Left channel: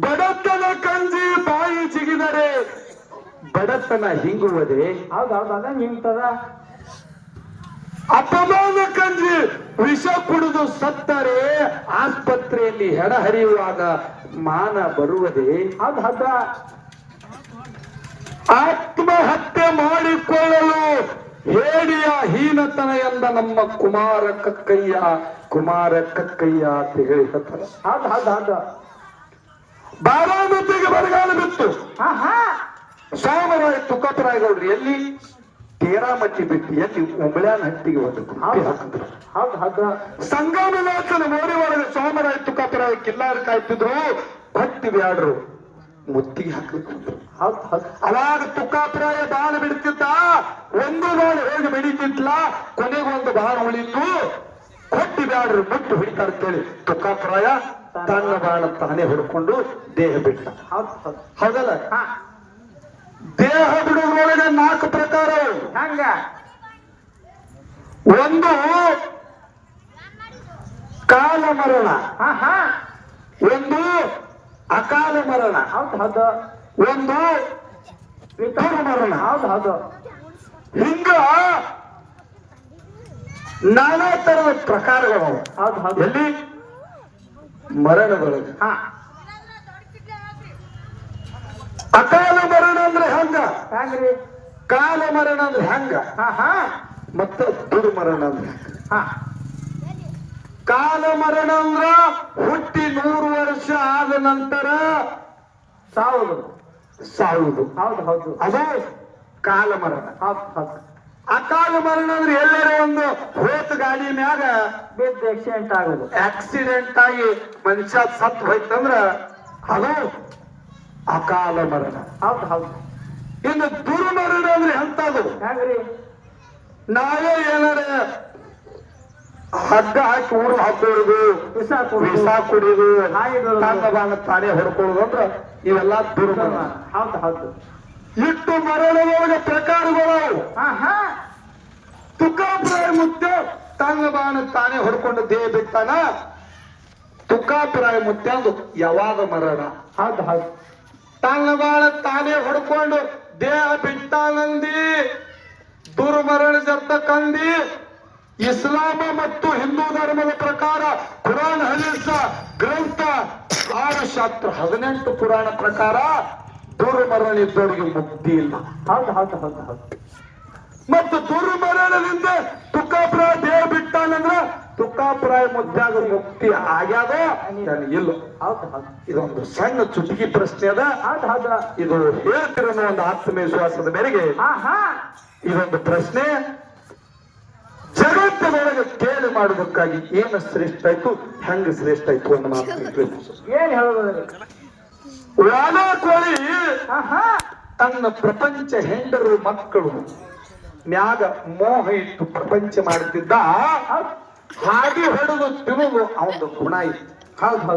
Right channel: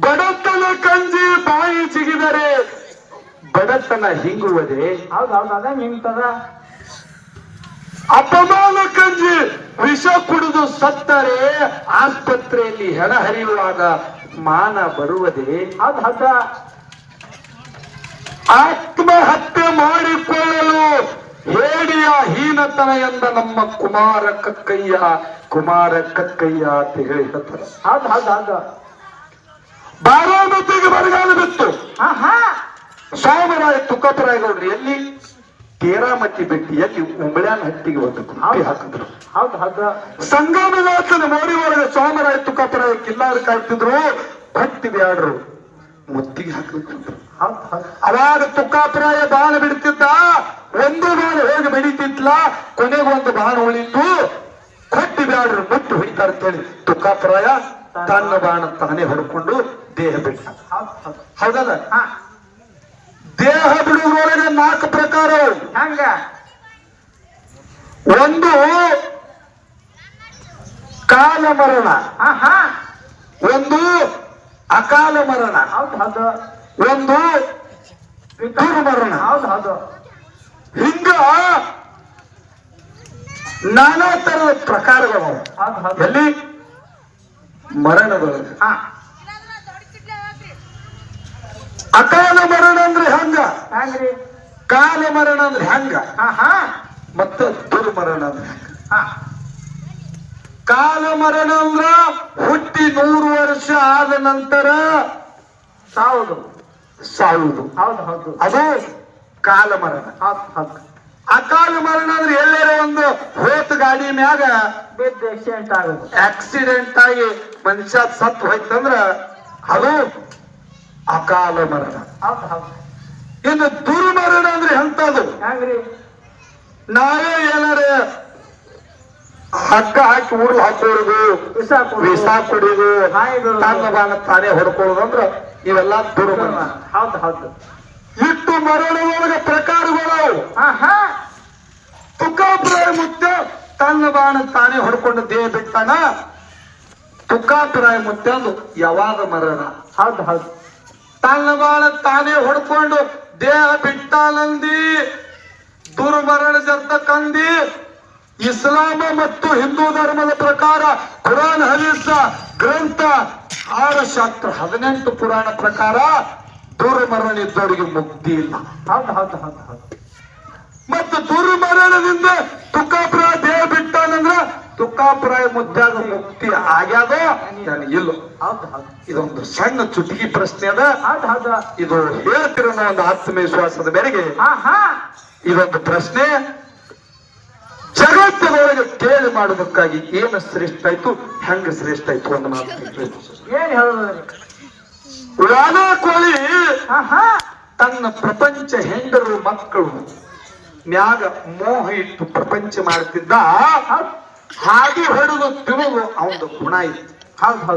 ಬಡತನ ಕಂಜಿ ಬಾಯಿ ಜಿಗಿದರೆ ಬಡತನ ಹಿಂಗುವುದೇ ಹಿಂಗ್ತದ ಅಪಮಾನ ಕಂಜಿ ವಿಷ ಕುಡಿದು ಸತ್ತರೆ ಆಸ್ಪತ್ರೆಯಲ್ಲಿ ಹೆಣ ಹರಿಯುವಾಗ ಮಾನ ಬರುವುದೇ? ಅದು ಹದ. ಆತ್ಮಹತ್ಯೆ ಮಾಡಿಕೊಳ್ಳಲು ಹೇಡಿಯ ಹೀನತನ ಎಂದ ನಮ್ಮ ಕುಮಾರ ಕಕ್ಕಯ್ಯ ಕುಮಾರ ಕಕ್ಕಯ್ಯ ಅಂತ ಹೇಳಿ ಹೌದು ಹೌದು. ಬಾರಾಮತಿಗೆ ಬರಗಾಲ ಬಿತ್ತು. ಸೋಮರಾಯ ತುಕ್ಕಪ್ಪರಾಯಗೌಡ್ರು ಎಲ್ಲಿ? ತೇರಾಮತಿ ಬಿಟ್ಟು. ಎಲ್ಲಿ? ಉಂಬಳ್ಯಾನ ಹತ್ತಿಗೆ ಗುಂಪಿ ಹಾಕಿದ್ರು. ಸಂಗಮದಾಸನ ಮೋಡಿ ಒಳಗೆ ಸೋಮರಾಯ ತುಕ್ಕಪ್ಪರಾಯ ಕಿಲ್ಲಾರು ಕಾಯ್ತಿದ್ರು. ಭಕ್ತಿ ಬ್ಯಾಡ್ರು. ಮುತ್ತಿಗೆ ಹಾಕಿದ್ರು ಅವಾಗ ತುಕ್ಕಾಪರಾಯ ಬಾಣ ಬಿಡ್ತಿದ್ದ. ಒಂದು ಬಾಣ ಹೋಗಿ ಬೆಳೀತಿದ್ಲ ಕೊನೆಗೆ ಒಂದು ಬಾಣ ಉಳಿತು. ಕೊಟ್ಟಿ ಬ್ಯಾಡ್ರು. ಮುಟ್ಟು ಹೊಡಿತಾರ ಕೇಳಿ ತುಕ್ಕಾಪರಾಯ ತನ್ನ ಬಾಣ ತಾನೇ ಹೊಡ್ಕೊಂಡು ದೇಹ ಬಿಟ್ಟ. ಹೌದು ಹೌದು. ಹೌದಲ್ಲ? ದೇಹ ಬಿಡುವುದರೊಳಗೆ ನಾಲ್ಕು ಪ್ರಕಾರ ಹಂಗ. ಒಂದು ಕಾಲ ಮರಣ. ಒಂದು ಅಕಾಲ ಮರಣ. ಹೌದು ಹೌದು. ಒಂದು ಮರಣ ಹೌದು ಹೌದು. ಹಿಂಗ ನಾನಾ ತರದ ಪ್ರಕಾರಗಳು. ಹೌದು ಹೌದು. ಎಲ್ಲಿ? ಮರಣಗಳು ಹಾ. ಅಕಾಲ ಮರಣ ಅಂದ್ರೆ ಹೆಂಗ. ಕಾಲ ಮರಣ ಅಂದ್ರೆ ಹೆಂಗ. ಮತ್ತ ದುರ್ಮರಣ ಅಂದ್ರೆ ಕಾಲ ಮರಣ ಅಂದ್ರ ಹುಟ್ಟಿ ನೂರು ವರ್ಷ ಆದ ನಂತರ ಸಾವುದು. ಸಾಯುವುದು. ಹೌದು ಹೌದು. ಅದೇ ಕಾಲ ಮರಣ. ಅಕಾಲ ಮರಣ ಅಂದ್ರೆ ಎಲ್ಲೇರೋ ಒಂದು ಹೋತ್ ಗಾಡಿ ಮ್ಯಾಗ ಬಿದ್ದು ಆಕ್ಸಿಡೆಂಟ್ ಆಗುದು. ಆಕ್ಸಿಡೆಂಟ್ ಆಗಿ ಮನುಷ್ಯ ಸತ್ತು ಹೋಯ್ತಂದ್ರ ಅದು ಅಕಾಲ ಮರಣ. ಇನ್ನು ದುರ್ಮರಣ ಅಂದ್ರೆ ಎಂತದು ನಾವೇ ಏನಾರ ಹಗ್ಗ ಹಾಕಿ ಊರು ಹಾಕೋದು ವಿಷ ಕೊಡುದು. ಬಾಣ ತಾನೇ ಹೊಡ್ಕೊಳ್ಳೋದು ಅಂದ್ರ ಇವೆಲ್ಲ ದುರ್ಮರಣ. ಹೌದು ಹೌದು. ಇಟ್ಟು ಮರಣದೊಳಗೆ ಪ್ರಕಾರಗಳು ತುಕ್ಕಾಪುರ ಮುತ್ತ ತನ್ನ ಬಾಣ ತಾನೇ ಹೊಡ್ಕೊಂಡು ದೇಹ ಬಿಟ್ಟಾನ? ತುಕಾಪುರಾಯ ಮುತ್ಯ ಅದು ಯಾವಾಗ ಮರಣ? ಹೌದು ಹೌದು. ತನ್ನ ಬಾಳ ತಾನೇ ಹೊಡ್ಕೊಂಡು ದೇಹ ಬಿಟ್ಟಾನಂದಿ, ದುರ್ಮರಣ ಜತ್ತ ಕಂದಿ. ಇಸ್ಲಾಮ ಮತ್ತು ಹಿಂದೂ ಧರ್ಮದ ಪ್ರಕಾರ ಕುರಾನ್, ಹದೀಸ, ಗ್ರಂಥ ಆರು ಶಾಸ್ತ್ರ ಹದಿನೆಂಟು ಪುರಾಣ ಪ್ರಕಾರ ದುರ್ಮರಣ ಇದ್ದವರಿಗೆ ಮುಕ್ತಿ ಇಲ್ಲ. ಹೌದು ಹೌದು ಹೌದು ಹೌದು. ಮತ್ತು ದುರ್ಮರಣದಿಂದ ತುಕ್ಕಾಪುರ ದೇಹ ಬಿಟ್ಟಾನಂದ್ರ ತುಕ್ಕಾಪುರಾಯ ಮುದ್ದಾಗ ಮುಕ್ತಿ ಆಗ್ಯಾದ? ಇಲ್ಲ. ಇದೊಂದು ಸಣ್ಣ ಚುಟುಕಿ ಪ್ರಶ್ನೆ ಅದ. ಇದು ಹೇಳ್ತಿರೋ ಒಂದು ಆತ್ಮವಿಶ್ವಾಸದ ಮೇರೆಗೆ ಇದೊಂದು ಪ್ರಶ್ನೆ. ಜಗತ್ತಿನೊಳಗೆ ಕೇಳಿ ಮಾಡೋದಕ್ಕಾಗಿ ಏನು ಶ್ರೇಷ್ಠ ಆಯ್ತು? ಹೆಂಗ ಶ್ರೇಷ್ಠ ಆಯ್ತು ಅನ್ನೋ ಮಾತು ಕೇಳಿ. ಏನ್ ಹೇಳುದ್ರಿ ಕೋಳಿ ತನ್ನ ಪ್ರಪಂಚ ಹೆಂಡರು ಮಕ್ಕಳು. ಮ್ಯಾಗ ಮೋಹ ಇಟ್ಟು ಪ್ರಪಂಚ ಮಾಡ್ತಿದ್ದ ಹಾಗೆ ಹೊಡೆದು ತಿರುಗು ಅವನ ಗುಣ ಇತ್ತು. ಹಾಗೆ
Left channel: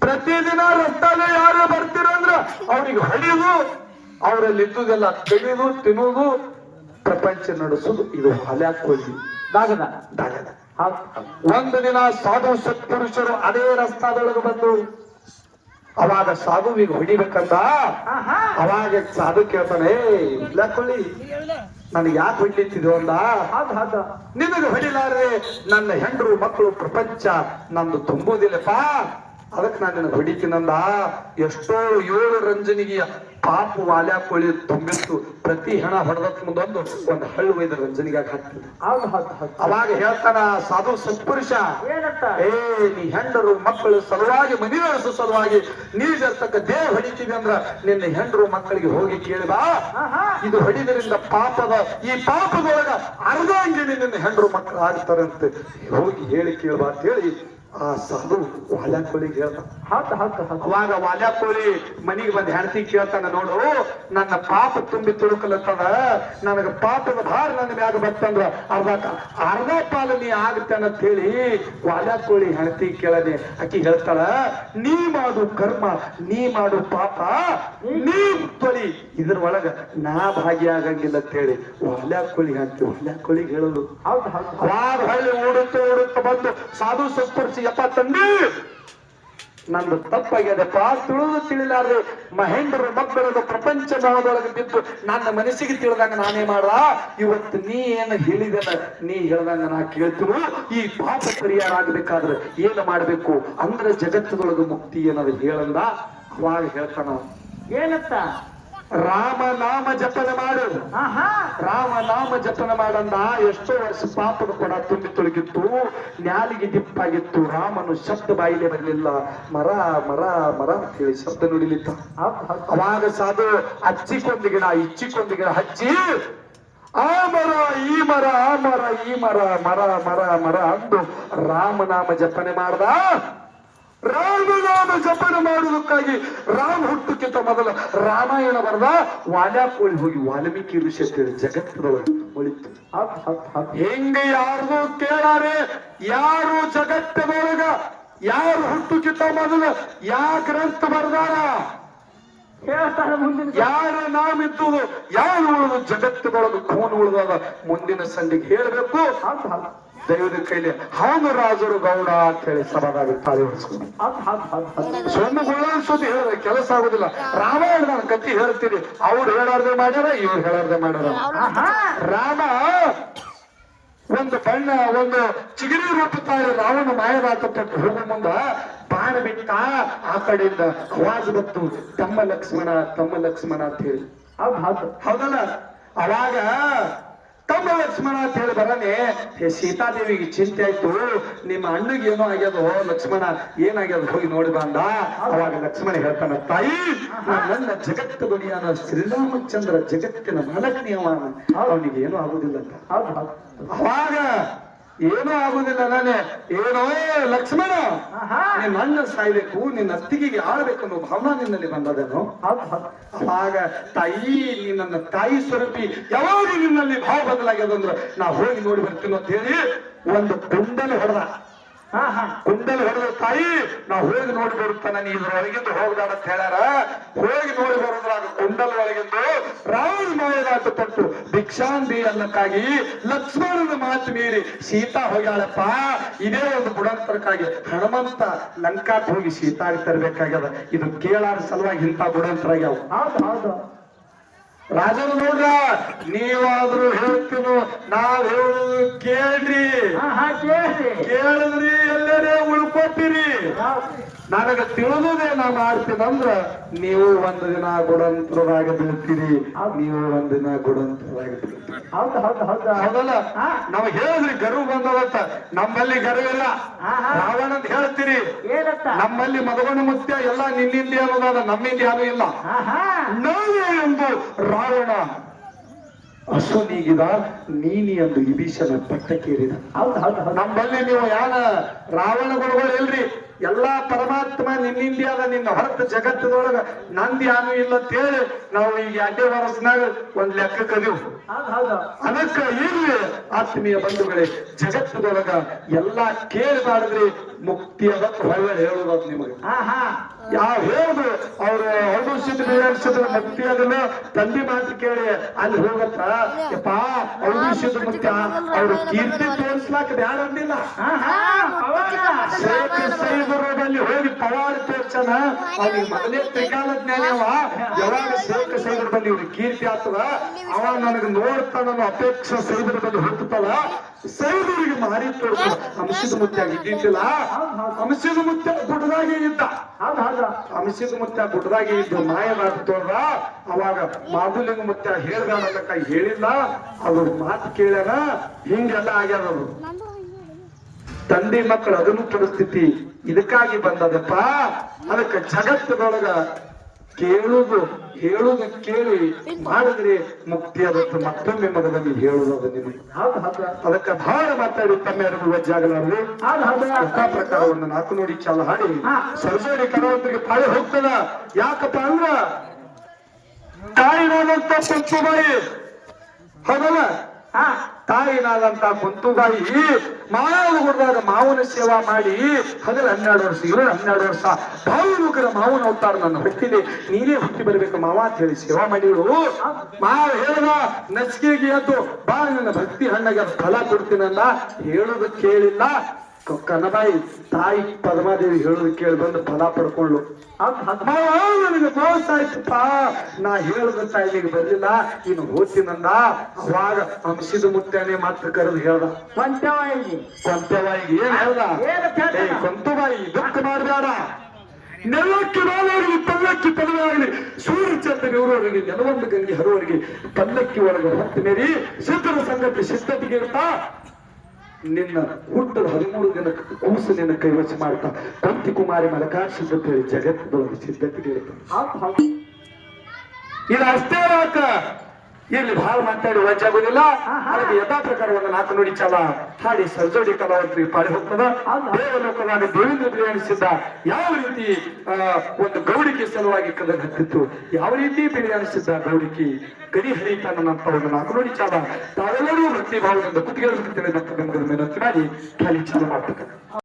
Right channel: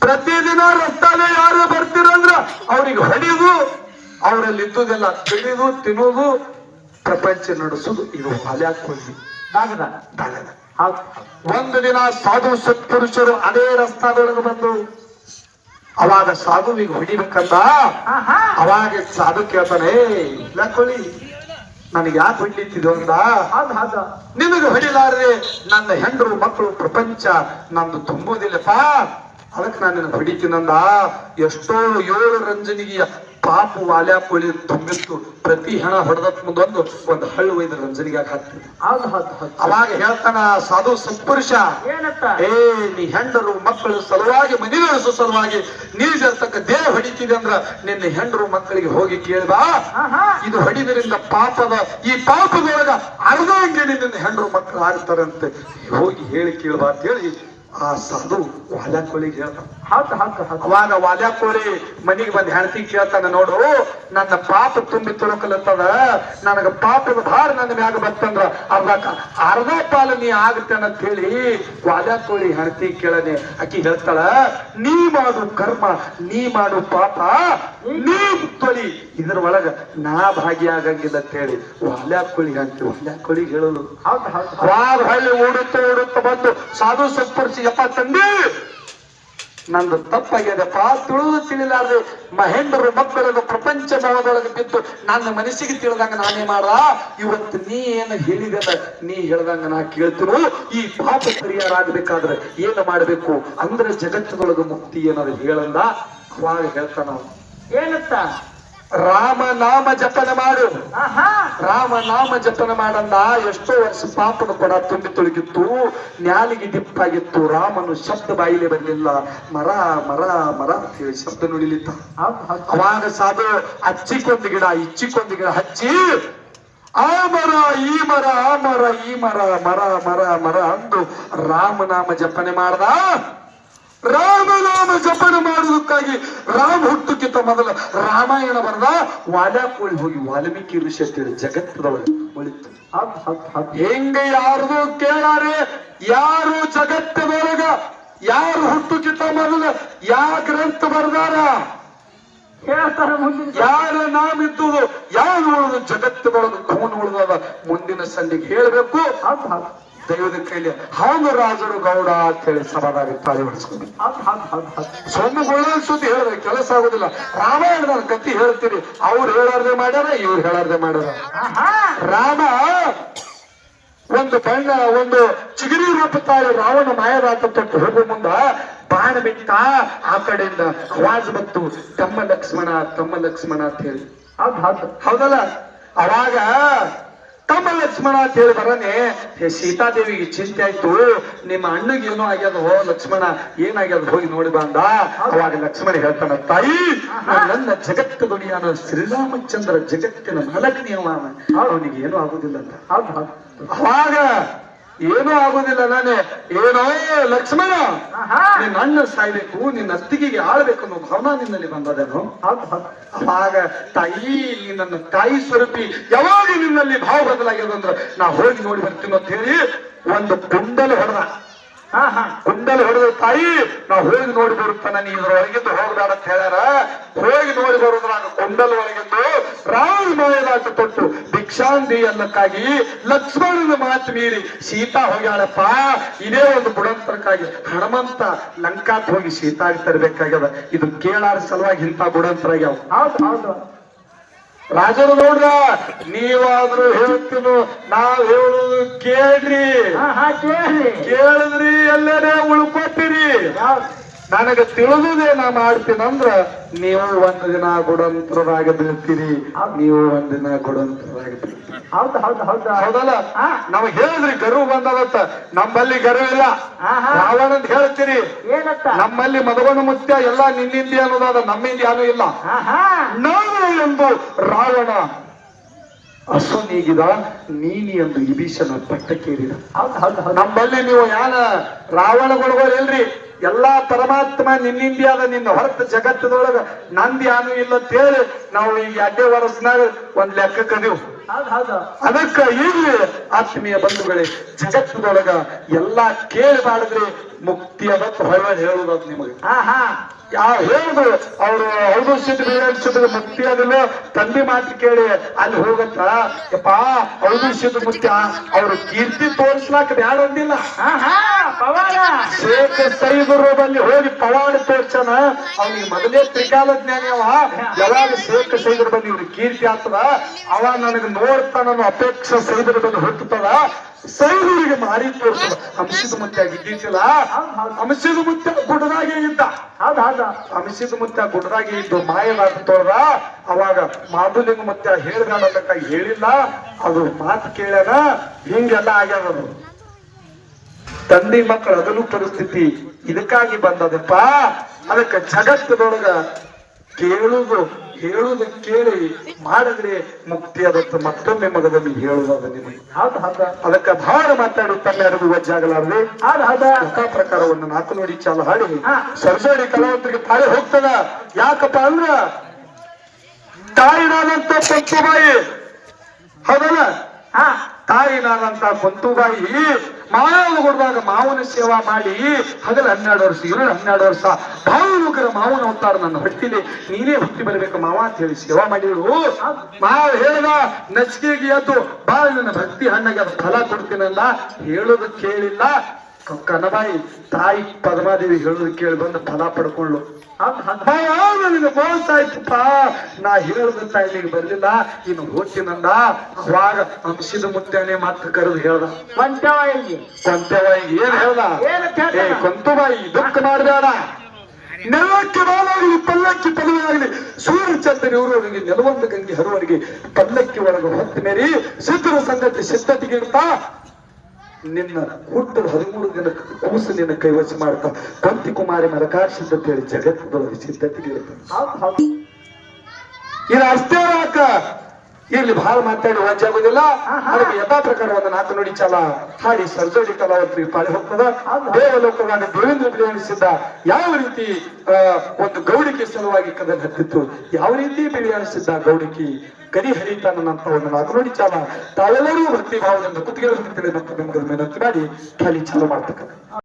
ಪ್ರತಿದಿನ ರಸ್ತಾಗ ಯಾರು ಬರ್ತಿರಂದ್ರ ಅವ್ರಿಗೆ ಹೊಡಿದು ಅವರಲ್ಲಿ ಇದ್ದುದೆಲ್ಲ ತಿಳಿದು ತಿನ್ನುವುದು ಪ್ರಪಂಚ ನಡೆಸುದು ಇದು ಹಲ್ಯಾಕ್ ಹೋಗಿ. ದಾಗದ? ದಾಗದ. ಒಂದು ದಿನ ಸಾಧು ಸತ್ಪುರುಷರು ಅದೇ ರಸ್ತಾದೊಳಗೆ ಬಂದು ಅವಾಗ ಸಾಧುವಿಗೆ ಹೊಡಿಬೇಕಂತ ಅವಾಗ ಸಾಧು ಕೇಳ್ತಾನೆ ಏ ಇಲ್ಲ ಕೊಳಿ ನನಗೆ ಯಾಕೆ ಹೊಡಿತಿದ್ದು ಅಂದ? ನಿಮಗೆ ಹೊಡಿಲಾರ್ದೆ ನನ್ನ ಹೆಂಡರು ಮಕ್ಕಳು ಪ್ರಪಂಚ ನಂದು ತುಂಬೋದಿಲ್ಲಪ್ಪ. ಅದಕ್ಕೆ ನಾನು ನಿನ್ನ ಹೊಡಿತೀನಂದ ಎಷ್ಟೋ ಏಳು ರಂಜನಿಗೆ ಪಾಪ ವಾಲ್ಯ ಕೋಳಿ ತುಂಬಿತ್ತು. ಪ್ರತಿ ಹಣ ಹೊಡೆದತ್ ಮುಂದೊಂದು ಒಂದು ಹಳ್ಳು ಒಯ್ದು ರಂಜನಿಗೆ ಹೌದು ಅವಾಗ ಹೇಳ್ತಾನ ಸಾಧು ಸತ್ಪುರುಷ ಏ ನೀ ಹೆಂಡರು ಮಕ್ಕಳು ಸಲುವಾಗಿ ಮನಿ ನಡೆಸೋ ಸಲುವಾಗಿ ನೀರ್ತಕ್ಕ ದೇಹ ಹೊಡಿತೀವಿ ಅಂದ್ರ ನಿನ್ನ ಹೆಂಡರು ಮಕ್ಕಳಿಗೆ ಹೋಗಿ ಕೇಳಿದ ಇದು ಹೊಡಿದ್ರಿಂದ ಪಾಪದ ಈ ಪಾಪದೊಳಗ ಅರ್ಧಾಂಗಿಣಿ ನಿನ್ನ ಹೆಂಡರು ಮಕ್ಕಳು ಆಗ್ತಾರಂತೆ ಹೋಗಿ ಹೇಳಿ ಕೇಳ್ಬಾ ಅಂತ ಹೇಳಿ ಆ ಸಾಧು ವಾಲ್ಯಾಕೋಳಿಗೆ ಹೇಳ್ತಾನ ಹೇಳ್ತ ಹೌದು ಹೌದು ಅವಾಗ ವಾಲ್ಯಾಕೋಳಿ ಮನೆಗೆ ಬಂದು ಹೆಂಡತಿ ಕೇಳ್ತಾನ ನೋಡು. ನನ್ನ ಪಾಪ ತುಂಬಿ ತುಳುಕಲತ್ತದ. ನನಗ ಪಾಪದ ಭಾರ ನನ್ನ ಮ್ಯಾಗ ಬರ್ತಂದ್ರ ಅರ್ಧ ಅರ್ಧ ಪಾಲು ನೀ ಆಗುತ್ತೆ ಅಂತ ಹೇಳಿ ವಾಲ್ಯಾಕೋಳಿ ಹೆಂಡತಿ ಕೇಳನೆ ಆಕಿ ಹೇಳ್ತಾಳ ನೀ ಮಾಡು ಕರ್ಮ ನೀ ಮಾಡು ಪಾಪ ನೀ ತೊಳಿ ಇದ್ರ ಒಳಗ ನಾ ಭಾಗಿಯಾಗಂಗಿಲ್ಲ ಅಂತ ಹೇಳಿ ವಾಲ್ಯಾಕೋಳಿಗೆ ಹೇಳಲು ಹೌದು ಹೌದು ಅವಾಗ ಹಳ್ಳಿ ಓಡುತ್ತ ಓಡುತ್ತ ಬಂದು ಸಾಧು ಸತ್ಪುರುಷ ಯಪ್ಪ ತಂದಿ ನಂದು ತಪ್ಪಾಗ್ಯದಪ್ಪ ತುಳಿದು ತಿಳಿಲಾರ್ದೆ ಮಹೇಂದ್ರರು ಮಬ್ಬರದ ಪ್ರಪಂಚ ಮೋಹದೊಳಗೆ ಬಿದ್ದು ನನ್ನ ಮನಸ್ಸಿಗೆ ತಿಳಿದಂಗ ನಾನೇ ಮಾಡ. ಇವತ್ತು ನೀ ಏನು ಹೇಳಿದದ ನೀ ಹೇಳ್ದಂಗ ನಾ ಕೇಳ್ತೀನಿ. ಈ ಪಾಪ ಪರಿಹಾರ ಆಗ್ಬೇಕಾದ್ರೆ ಏನು ಮಾಡಬೇಕು? ಅಂದ್ರೆ ಜಗತ್ತಿನೊಳಗ ಮುಕ್ತಿ ಏನಾದ್ರು ಹೇಳಂದ? ಅವಾಗ ಹೇಳ್ತಾನ. ಏನತ್ತ? ರಾಮ ನಾಮ ಜಪನ ಮಾಡು. ರಾಮ ನಾಮ ಜಪನ ಮಾಡಂದ ಎಷ್ಟೋ ವರ್ಷ ಪಾಪದ ಕೂಡ ತುಂಬಿ ತುಳುಗಿತ್ತು ನ್ಯಾಲಿಗೆ ದಿಪ್ಪಾಗಿತ್ತು ರಾಮನು ಶಬ್ದ ಬಾಯಿಲೆ ಬಂದಿಲ್ಲ. ಮರ ಮರ ಮರ ಅಂತ ಹೇಳಿ ಶಬ್ದ ನುಡಿಲಿತ್ತ ಅವಾಗ ಸಾಧು ಹಚ್ಚಿಕೊಂದು ಗಿಡ ಇಚ್ಚಿಕೊಂದು ಗಿಡ ಹಚ್ಚಿ ಆ ಮರ ಈ ಮರ ಆ ಮರ ಈ ಮರ ಮರ ಮರ ಮರ ಅಂದು ರಾಮನಾಮ ಜಪನೆ ಮಾಡ್ದ. ರಾಮನಾಮ ಜಪನ ಮಾಡುವುದಕ್ಕಾಗಿ ರಾಮ ಹುಟ್ಟುಕ್ಕಿಂತ ಮೊದಲ ರಾಮಾಯಣ ಬರೆದ ವಾಲ್ಯಾಕೋಳಿ ಹೋಗಿ ವಾಲ್ಮೀಕಿ ಋಷಿ ಅಂತೇಳಿ ಜಗತ್ತದವರು ಒಳಿತು ಹೆಂಗೆ ಯಾರ್ದು ಕೇಳಾರೆ? ಯಾರು ಜಗತ್ತದೊಳಗ ಯಾರು ಹುಟ್ಟುಕ್ಕಿಂತ ಮೊದಲ? ಯಾ ಗ್ರಂಥ ಬರ್ದಾರ? ಹೇಳ್ತಾರ ಮುಂದಿನ ಯಾರ ನಾಮಿದ್ದು ಇದ್ದುದು ಯಾರು ಉಳಿದು ಜಗತ್ತದೊಳಗೆ ಕೋನ್ ಉಳಿದಾಗ ಮುಂದಿನ ಸಂಧಿಗೆ ಹೇಳಬೇಕು. ದೈವದ ಕೈಲಿ ಹೌದು ರಾಜರು ಗೌಡ ಅಂತ ಹೇಳಿ ಸಮಾಧಾನ ತಾಳಿ ಹೊಡಿಸ್ಕೊಂಡು ಸೊಮ್ಮುಗಳ ಸುದ್ದಿ ಹೇಳಿದ್ರೆ ಕೆಲಸ ಆಗುದಿಲ್ಲ. ರಾಮಾಯಣದ ಕತ್ತಿ ಹೇಳ್ತೀನಿ. ಅವ್ರು ಹೇಳಾರ್ದೆ ಮಾಡ್ಯಾರ ಇವ್ರು ಹೇಳಾರ್ದೆ ಮಾಡ್ಯಾರ. ರಾಮ ಒಂದು ಬಣ್ಣ ಒಂದು ಚಿಗಿರಿ ರೂಪ ತಾಳೆ ರಾವಣ ಮಾಯರಾತ ತೊಟ್ಟು ಹೋಗುವ ಮುಂದ ಬಾಣ ಬಿಟ್ಟ ಆ ಕಡೆಯಿಂದ ಅವಾಜ್ ಬತ್ತು. ತಮ್ಮ ಲಕ್ಷ್ಮಣ ತಮ್ಮ ಲಕ್ಷ್ಮಣ ಅಂತ ಹೇಳಿ. ಹೌದು ಹೌದು. ಹೌದಲ್ಲ? ಅವಾಗ ತಮ್ಮ ಲಕ್ಷ್ಮಣ ಅಂತ ಹೇಳಿ ಬರನೆ ಸೀತಾದೇವಿಗೆ ಚಿಂತೆ ಆಯ್ತು. ನಿಮ್ಮ ಅಣ್ಣಗೆ ಏನೋ ಆಗ್ಯದ ಹೋ ಲಕ್ಷ್ಮಣ ಏನಾಗ್ಯದ ಹೋಗಿ ನೋಡಿ ಬಂದ ಅವಾಗ ಲಕ್ಷ್ಮಣ ಹೇಳ್ತಾನ ತಾಯಿ ನನ್ನ ಜಗತ್ತು ದುಡಿಯಾನ ಶ್ರೀರಾಮಚಂದ್ರ ಜಗತ್ತಿನ ನಾಲ್ಕನೇ ಅವನಿಗೆ ಏನೂ ಆಗುದಿಲ್ಲ ಅಂತ. ಅವಾಗ ಏನೂ ಆಗುದಿಲ್ಲ ನಾನೇ. ಏನೋ ಲಕ್ಷ್ಮಣ ನಿನ್ನ ಅಣ್ಣ ಸಾಯ್ಬೇಕು ನಿನ್ನ ಅತ್ತಿಗೆಗೆ ಆಳ್ಬೇಕು ಅನ್ನೋ ಭಾವನಾ ನಿನ್ನಲ್ಲಿ ಬಂದದೇನು. ಆಗ ಅವಾಗ ತಾಯಿ ನಿನ್ನ ತಾಯಿ ಸ್ವರೂಪಿ ಯಾವಾಗ ನಿನ್ನಲ್ಲಿ ಭಾವ ಬದಲಾಗ್ಯದಂದ್ರ ನಾ ಹೋಗಿ ನೋಡಿ ಬರ್ತೀನಿ ಅಂತ ಹೇಳಿ ಒಂದು ಕುಂಡಲ ಹೊಡೆದ. ತಾಯಿ ನಾ ಹೋಗಿ ನೋಡಿ ಬರುತ್ತಾನ ನೀ ಇದ್ರೊಳಗಿದ್ದು ಹೋಗ್ಬೇಡ ಅಂತ ಹೇಳ್ಯಾರ. ಹೋಗಿ ನೋಡಿ ಬರುದ್ರಾಗ ಕೊಂಡಲ್ ಒಳಗಿದ್ದು ರಾಯಿ ಮಾಯದಾಟ ತೊಟ್ಟು ಭಿಕ್ಷಾಂದಿ ಅನ್ನಕ್ಕಾಗಿ ಲಕ್ಷ್ಮಣನ ಮಾತು ಮೀರಿ ಸೀತಾ ಹೋಗ್ಯಾಳಪ್ಪ. ಇದೇ ಒಂದು ಬುಡಂತರಕ್ಕಾಗಿ ಹನುಮಂತ ಲಂಕಾಕ್ ಹೋಗಿ ಸೀತಾ ತರಬೇಕಾಗ್ಯದ. ಇದು ಕೇಳಾರ ಸಲುವಾಗಿ ಇಂಥ ಬುಡಂತರಾಗ್ಯಾವ ಹೌದು ಹೌದು. ರಾಜರು ನೋಡ್ರ ನೀವಾದ್ರೂ ಹೇಳ್ತೀನಿ ನಾವ್ ಹೇಳುದು ಕೇಳ್ರಿ. ಕೇಳಿದ್ರಿ ಎಲ್ಲರೇ ಉಳ್ಕೊಟ್ಟಿರಿ. ನನಗೆ ತಿಳಿದುದೇ ನಾ ಮಾಡ್ತೀನಂದ್ರ ನೀವು ಒಂದು ದಿನ ಗುಡಂತರದಾಗ ಬೀಳ್ತೀರಿ. ನೀವು ಒಂದ್ ದಿನ ಗುಡಂತರದಾಗ ಬೀಳ್ತೀರಿ. ಹೌದು ಹೌದು ಹೌದು. ಹೌದಲ್ಲ? ನಮಗ್ ಹೇಳಿದ್ರಿ ಗರು ಬಂದದತ್ತ ನಮ್ಮಲ್ಲಿ ಗರು ಇಲ್ಲ. ರಾವಣ ಅಂತ ಹೇಳ್ತೀರಿ. ನಮ್ಮಲ್ಲಿ ಮದವನ ಮುತ್ಯ ಎಲ್ಲ ನಿನ್ನಿಂದ ಅನ್ನೋದಾದ ನಮ್ಮಿಂದ ಯಾರು ಇಲ್ಲ. ನಾವು ನಾನು ಎಂದು ರಾವಣ ಅಶ್ವನೀಗಿದ ನೀನಿ ಎಂದು ಇಬೀಶನ ಪಟ್ಟಕ್ಕೇರಿದ ನಮ್ಮಲ್ಲಿ ನೀವು ಯಾನ ಇಲ್ರಿ? ಎಲ್ಲಾ ಪರಮಾತ್ಮ ನಿನ್ನಿಂದಿಯಾದ ನಿನ್ನ ಹೊರತು ಜಗತ್ತದೊಳಗ ನಂದ್ಯಾನು ಇಲ್ಲ ಅಂತ ಹೇಳಿ ನಾವು ಈಗ ಅಡ್ಡೆ ವರ್ಷನಾಗ ಒಂದ್ ಲೆಕ್ಕ ಕದೀವು. ಅದಕ್ಕ ಇಲ್ಲಿ ಆತ್ಮೀಯ ಬಂಧುಗಳೇ ಜಗತ್ತದೊಳಗ ಎಲ್ಲಾ ಕೇಳಿ ಮಾಡಿದ್ರು ಮುಕ್ತಿಯ ಬಗ್ಗೆ ಹೊರ ಹೇಳುದು ಅದು ನಿಮಗೆ ಯಾವ ಹೇಳುದು ಅವರು ಹೌದು ಸಿದ್ರು ಸಿದ್ರು ಮುಕ್ತಿ ಅದನ್ನು ತಂದೆ ಮಾತು ಕೇಳಿ ಅಲ್ಲಿ ಹೋಗತ್ತ? ಯಪ್ಪ ಹೌದು ಸಿದ್ರು ಮುತ್ಯ ಅವರು ಕೀರ್ತಿ ತೋರಿಸ್ಲಾಕ ಬ್ಯಾಡ ಅಂದಿಲ್ಲ. ಶೇಖ ಸೈದರು ಬಲ್ಲಿ ಹೋಗಿ ಪವಾಡ ತೋರ್ಸನ ಅವ್ನಿಗೆ ಮೊದಲೇ ತ್ರಿಕಾಲ ಜ್ಞಾನ ಯಾವಾಗ ಶೇಖ ಸೈದ್ರ ಬಲ್ಲಿ ಇವ್ರಿಗೆ ಕೀರ್ತಿ ಆಗ್ತದ ಅವ ನನಗೆ ಅನ್ನೋ ಅಪೇಕ್ಷೆ ಸೈದ್ರ ಬಂದು ಸೈದರಿಗೆ ಮಾರಿ ತೋರಿಸ್ತದ ಅಂಶದ ಮುತ್ಯ ಇದ್ದಿದ್ದಿಲ್ಲ. ಅಂಶದ ಮುತ್ಯ ಗುಡ್ಡದಾಗೆ ಇದ್ದ. ಆದ ಅಂಶದ ಮುತ್ಯ ಗುಡ್ಡದಾಗೆ ಇದ್ದು ಮಾಯನಾಟ ತೋರ ಅವಾಗ ಮಾಧುಲಿಂಗ ಮುತ್ಯ ಹೇಳ್ದಾನಕ್ಕ ಹೇಳಿಲ್ಲ. ಅದು ಮಾತು ಕೇಳ್ಯಾನ. ಹಿಂಗೆಲ್ಲ ಆಗ್ಯಾವ ಅದು ತಂದೆ ಮಕ್ಕಳು ಅದನ್ನು ಪರಿಸ್ಥಿತಿ ಇದಕ್ಕಾಗಿ ಬಂದದಪ್ಪ. ಅದಕ್ಕೆ ಜಗತ್ತದೊಳಗ ಕೇಳುದು ಹೇಳುದು ಕೇಳಿ ಮಾಡಿದ್ರೆ ಮುಕ್ತಿ ಅದಕ್ಕೆ ಮತ್ತೊಮ್ಮೆ ಮಗದಲ್ಲಿ ಹೇಳುವಾಗ ಹೌದು ಅದಕ್ಕೆ ಭಾರ ಮಾತಾಡಿ ತಮ್ಮ ಅರಿವು ವಜ್ಜಾಗಲಾರದೆ. ಆದ ಪ್ರಕಾರವನ್ನು ಪ್ರಕಾರ ಒಂದು ನಾಲ್ಕು ನೋಡಿ ಚಾಲ ಹಾಡಿ. ಹಾ. ಸರಸಡಿ ಕಲಾವಂತರಿಗೆ ತಾಳಿ ಹೋಗ್ತದ? ಯಾಕಪ್ಪ ಅಂದ್ರ? ತಾಯಿನಾದಂತ ಬಾಯಿ. ಹೌದಲ್ಲ? ತಾಯಿನಾದಂತ ಪಂತುಬಾಯಿ ಮಾವನ ಹೊಡೆದಾಗ ಮಾವನ ಸೇವಾ ಮಾಡಿ. ಹಗಲ ಹನ್ನೆರಡು ವರ್ಷ ಇರಳು ಹನ್ನೆರಡು ವರ್ಷ ಭಾವನುಗ್ರ ಮಾವನ ಅವತಾರ ನನ್ನ ಹೊಟ್ಟಿದೆ ನೀನೇ ಹುಟ್ಟಿ ಬರಬೇಕು ಮಾವ ಅಂತ ಹೇಳಿ ಸೇವಾ ಮಾಡಿದ್ರು. ಮಾವ ಹೇಳಿದ ನಚಿಕೆಗೆ ಎದ್ದು ಬಾ ನನ್ನ ಭಕ್ತಿ ಹಣ್ಣಗೆ ಫಲ ಕೊಡ್ತೀನಲ್ಲ, ಹೇಳೋದು ಕೇಳಿಲ್ಲ. ಕನಬಾಯಿ ತಾಯಿ ಪದ್ಮಾದೇವಿ ಹೇಳುದು ಕೇಳಿ ಬಂದು ಫಲ ಪಡ್ಕೊಂಡ್ಲು ನನಗೆ ಮೋಸ ಆಯ್ತಪ್ಪ. ನಾ ಹೇಳಿದಂತ ಇಲ್ಲಿಗೆ ಬರ್ಲಿಲ್ಲ. ಇನ್ನು ಹೋಗ್ತೀನಂದ ಸ್ವಾಗ ಹಂಸಿದ ಮುತ್ತನೆ ಮಾತ್ರ ಕರೆದು ಹೇಳ್ದ. ಕೊಂಟವಾಗಿ ಕೊಂತವಾಯಿ ಏನ್ ಹೇಳ್ದ? ಏ ದುಃಖ ಮಾಡಬೇಡ. ನೆಲಕ್ಕೆ ಬಾಲಾಗಲಿ ಪಲ್ಲಕ್ಕಿ ಪದವಾಗಲಿ. ಸೂರ್ಯ ಚಂದ್ರನ ಇವರವರಿಗೆ ನೆಲವೊಂದು ಗಂಗೆ ಹರುವರಿಗೆ ಪಲ್ಲಕ್ಕಿ ಒಳಗೆ ಹೊತ್ತು ಮೇರಿ ಸಿದ್ಧರ ಸಂಗತಿ ಸಿದ್ಧತೆಗೆ ಇರ್ತಾ ನಿನ್ನ ಹುಟ್ಟದ ಹದಿಮೂರು ದಿನ ಕೂಸು ನಿನ್ನ ಕೈವಶ ಮಾಡ್ತಾ ಕಂತಿ ಕುಮಾರಿ ಮಲಕಾರ ಸಿದ್ಧತೆ ಜಗತ್ತದೊಳಗೆ ಸಿದ್ಧತೆಗೆ ಇರ್ತಾ ಹೌದು ಹೌದು. ಇದು ಅಷ್ಟೇ ಇಲ್ಲಿ ಬಹಳ ಮಾತಾಡಿ ವಜ್ಜಾಗುದಿಲ್ಲ ಅದಕ್ಕೆ ಯಥಾ ಪ್ರಕಾರ ಒಂದು ನಾಲ್ಕು ನುಡಿ ಚಾಲ. ಹಾಡಿ ಸರ್ಜೋಡಿ ಕಲಾವತ್ರಿ ಪಾಡಿ ಹೋಗ್ತದ. ದೇವಲೋಕದಾಗ ದೇವೇಂದ್ರ ಬಿರಿಯಾನಿಸಿದ್ದ ಯಾವ ರೀತಿ ಒಂದು ಗೌಡಿಕೆ ಸಲುವಾಗಿ ಕದ ಹತ್ತಿತ್ತು? ಯಾವ ರೀತಿ ಬಿರಿಯಾನಿಸಿದ್ದ ಗೌಡಿಕೆ? ಕರಿ ಹರಿತ ಒಂದು ನಾಲ್ಕು ನುಡಿ ಚಾಲ. ತಾವೆಲ್ಲರೂ ಭಕ್ತಿ ಭಾವದಿಂದ ಕುತ್ತಿಗೆ ಮಾಡಿ ಖಾಲಿ ಚಾಲು ಮಾಡ್ತಕ್ಕ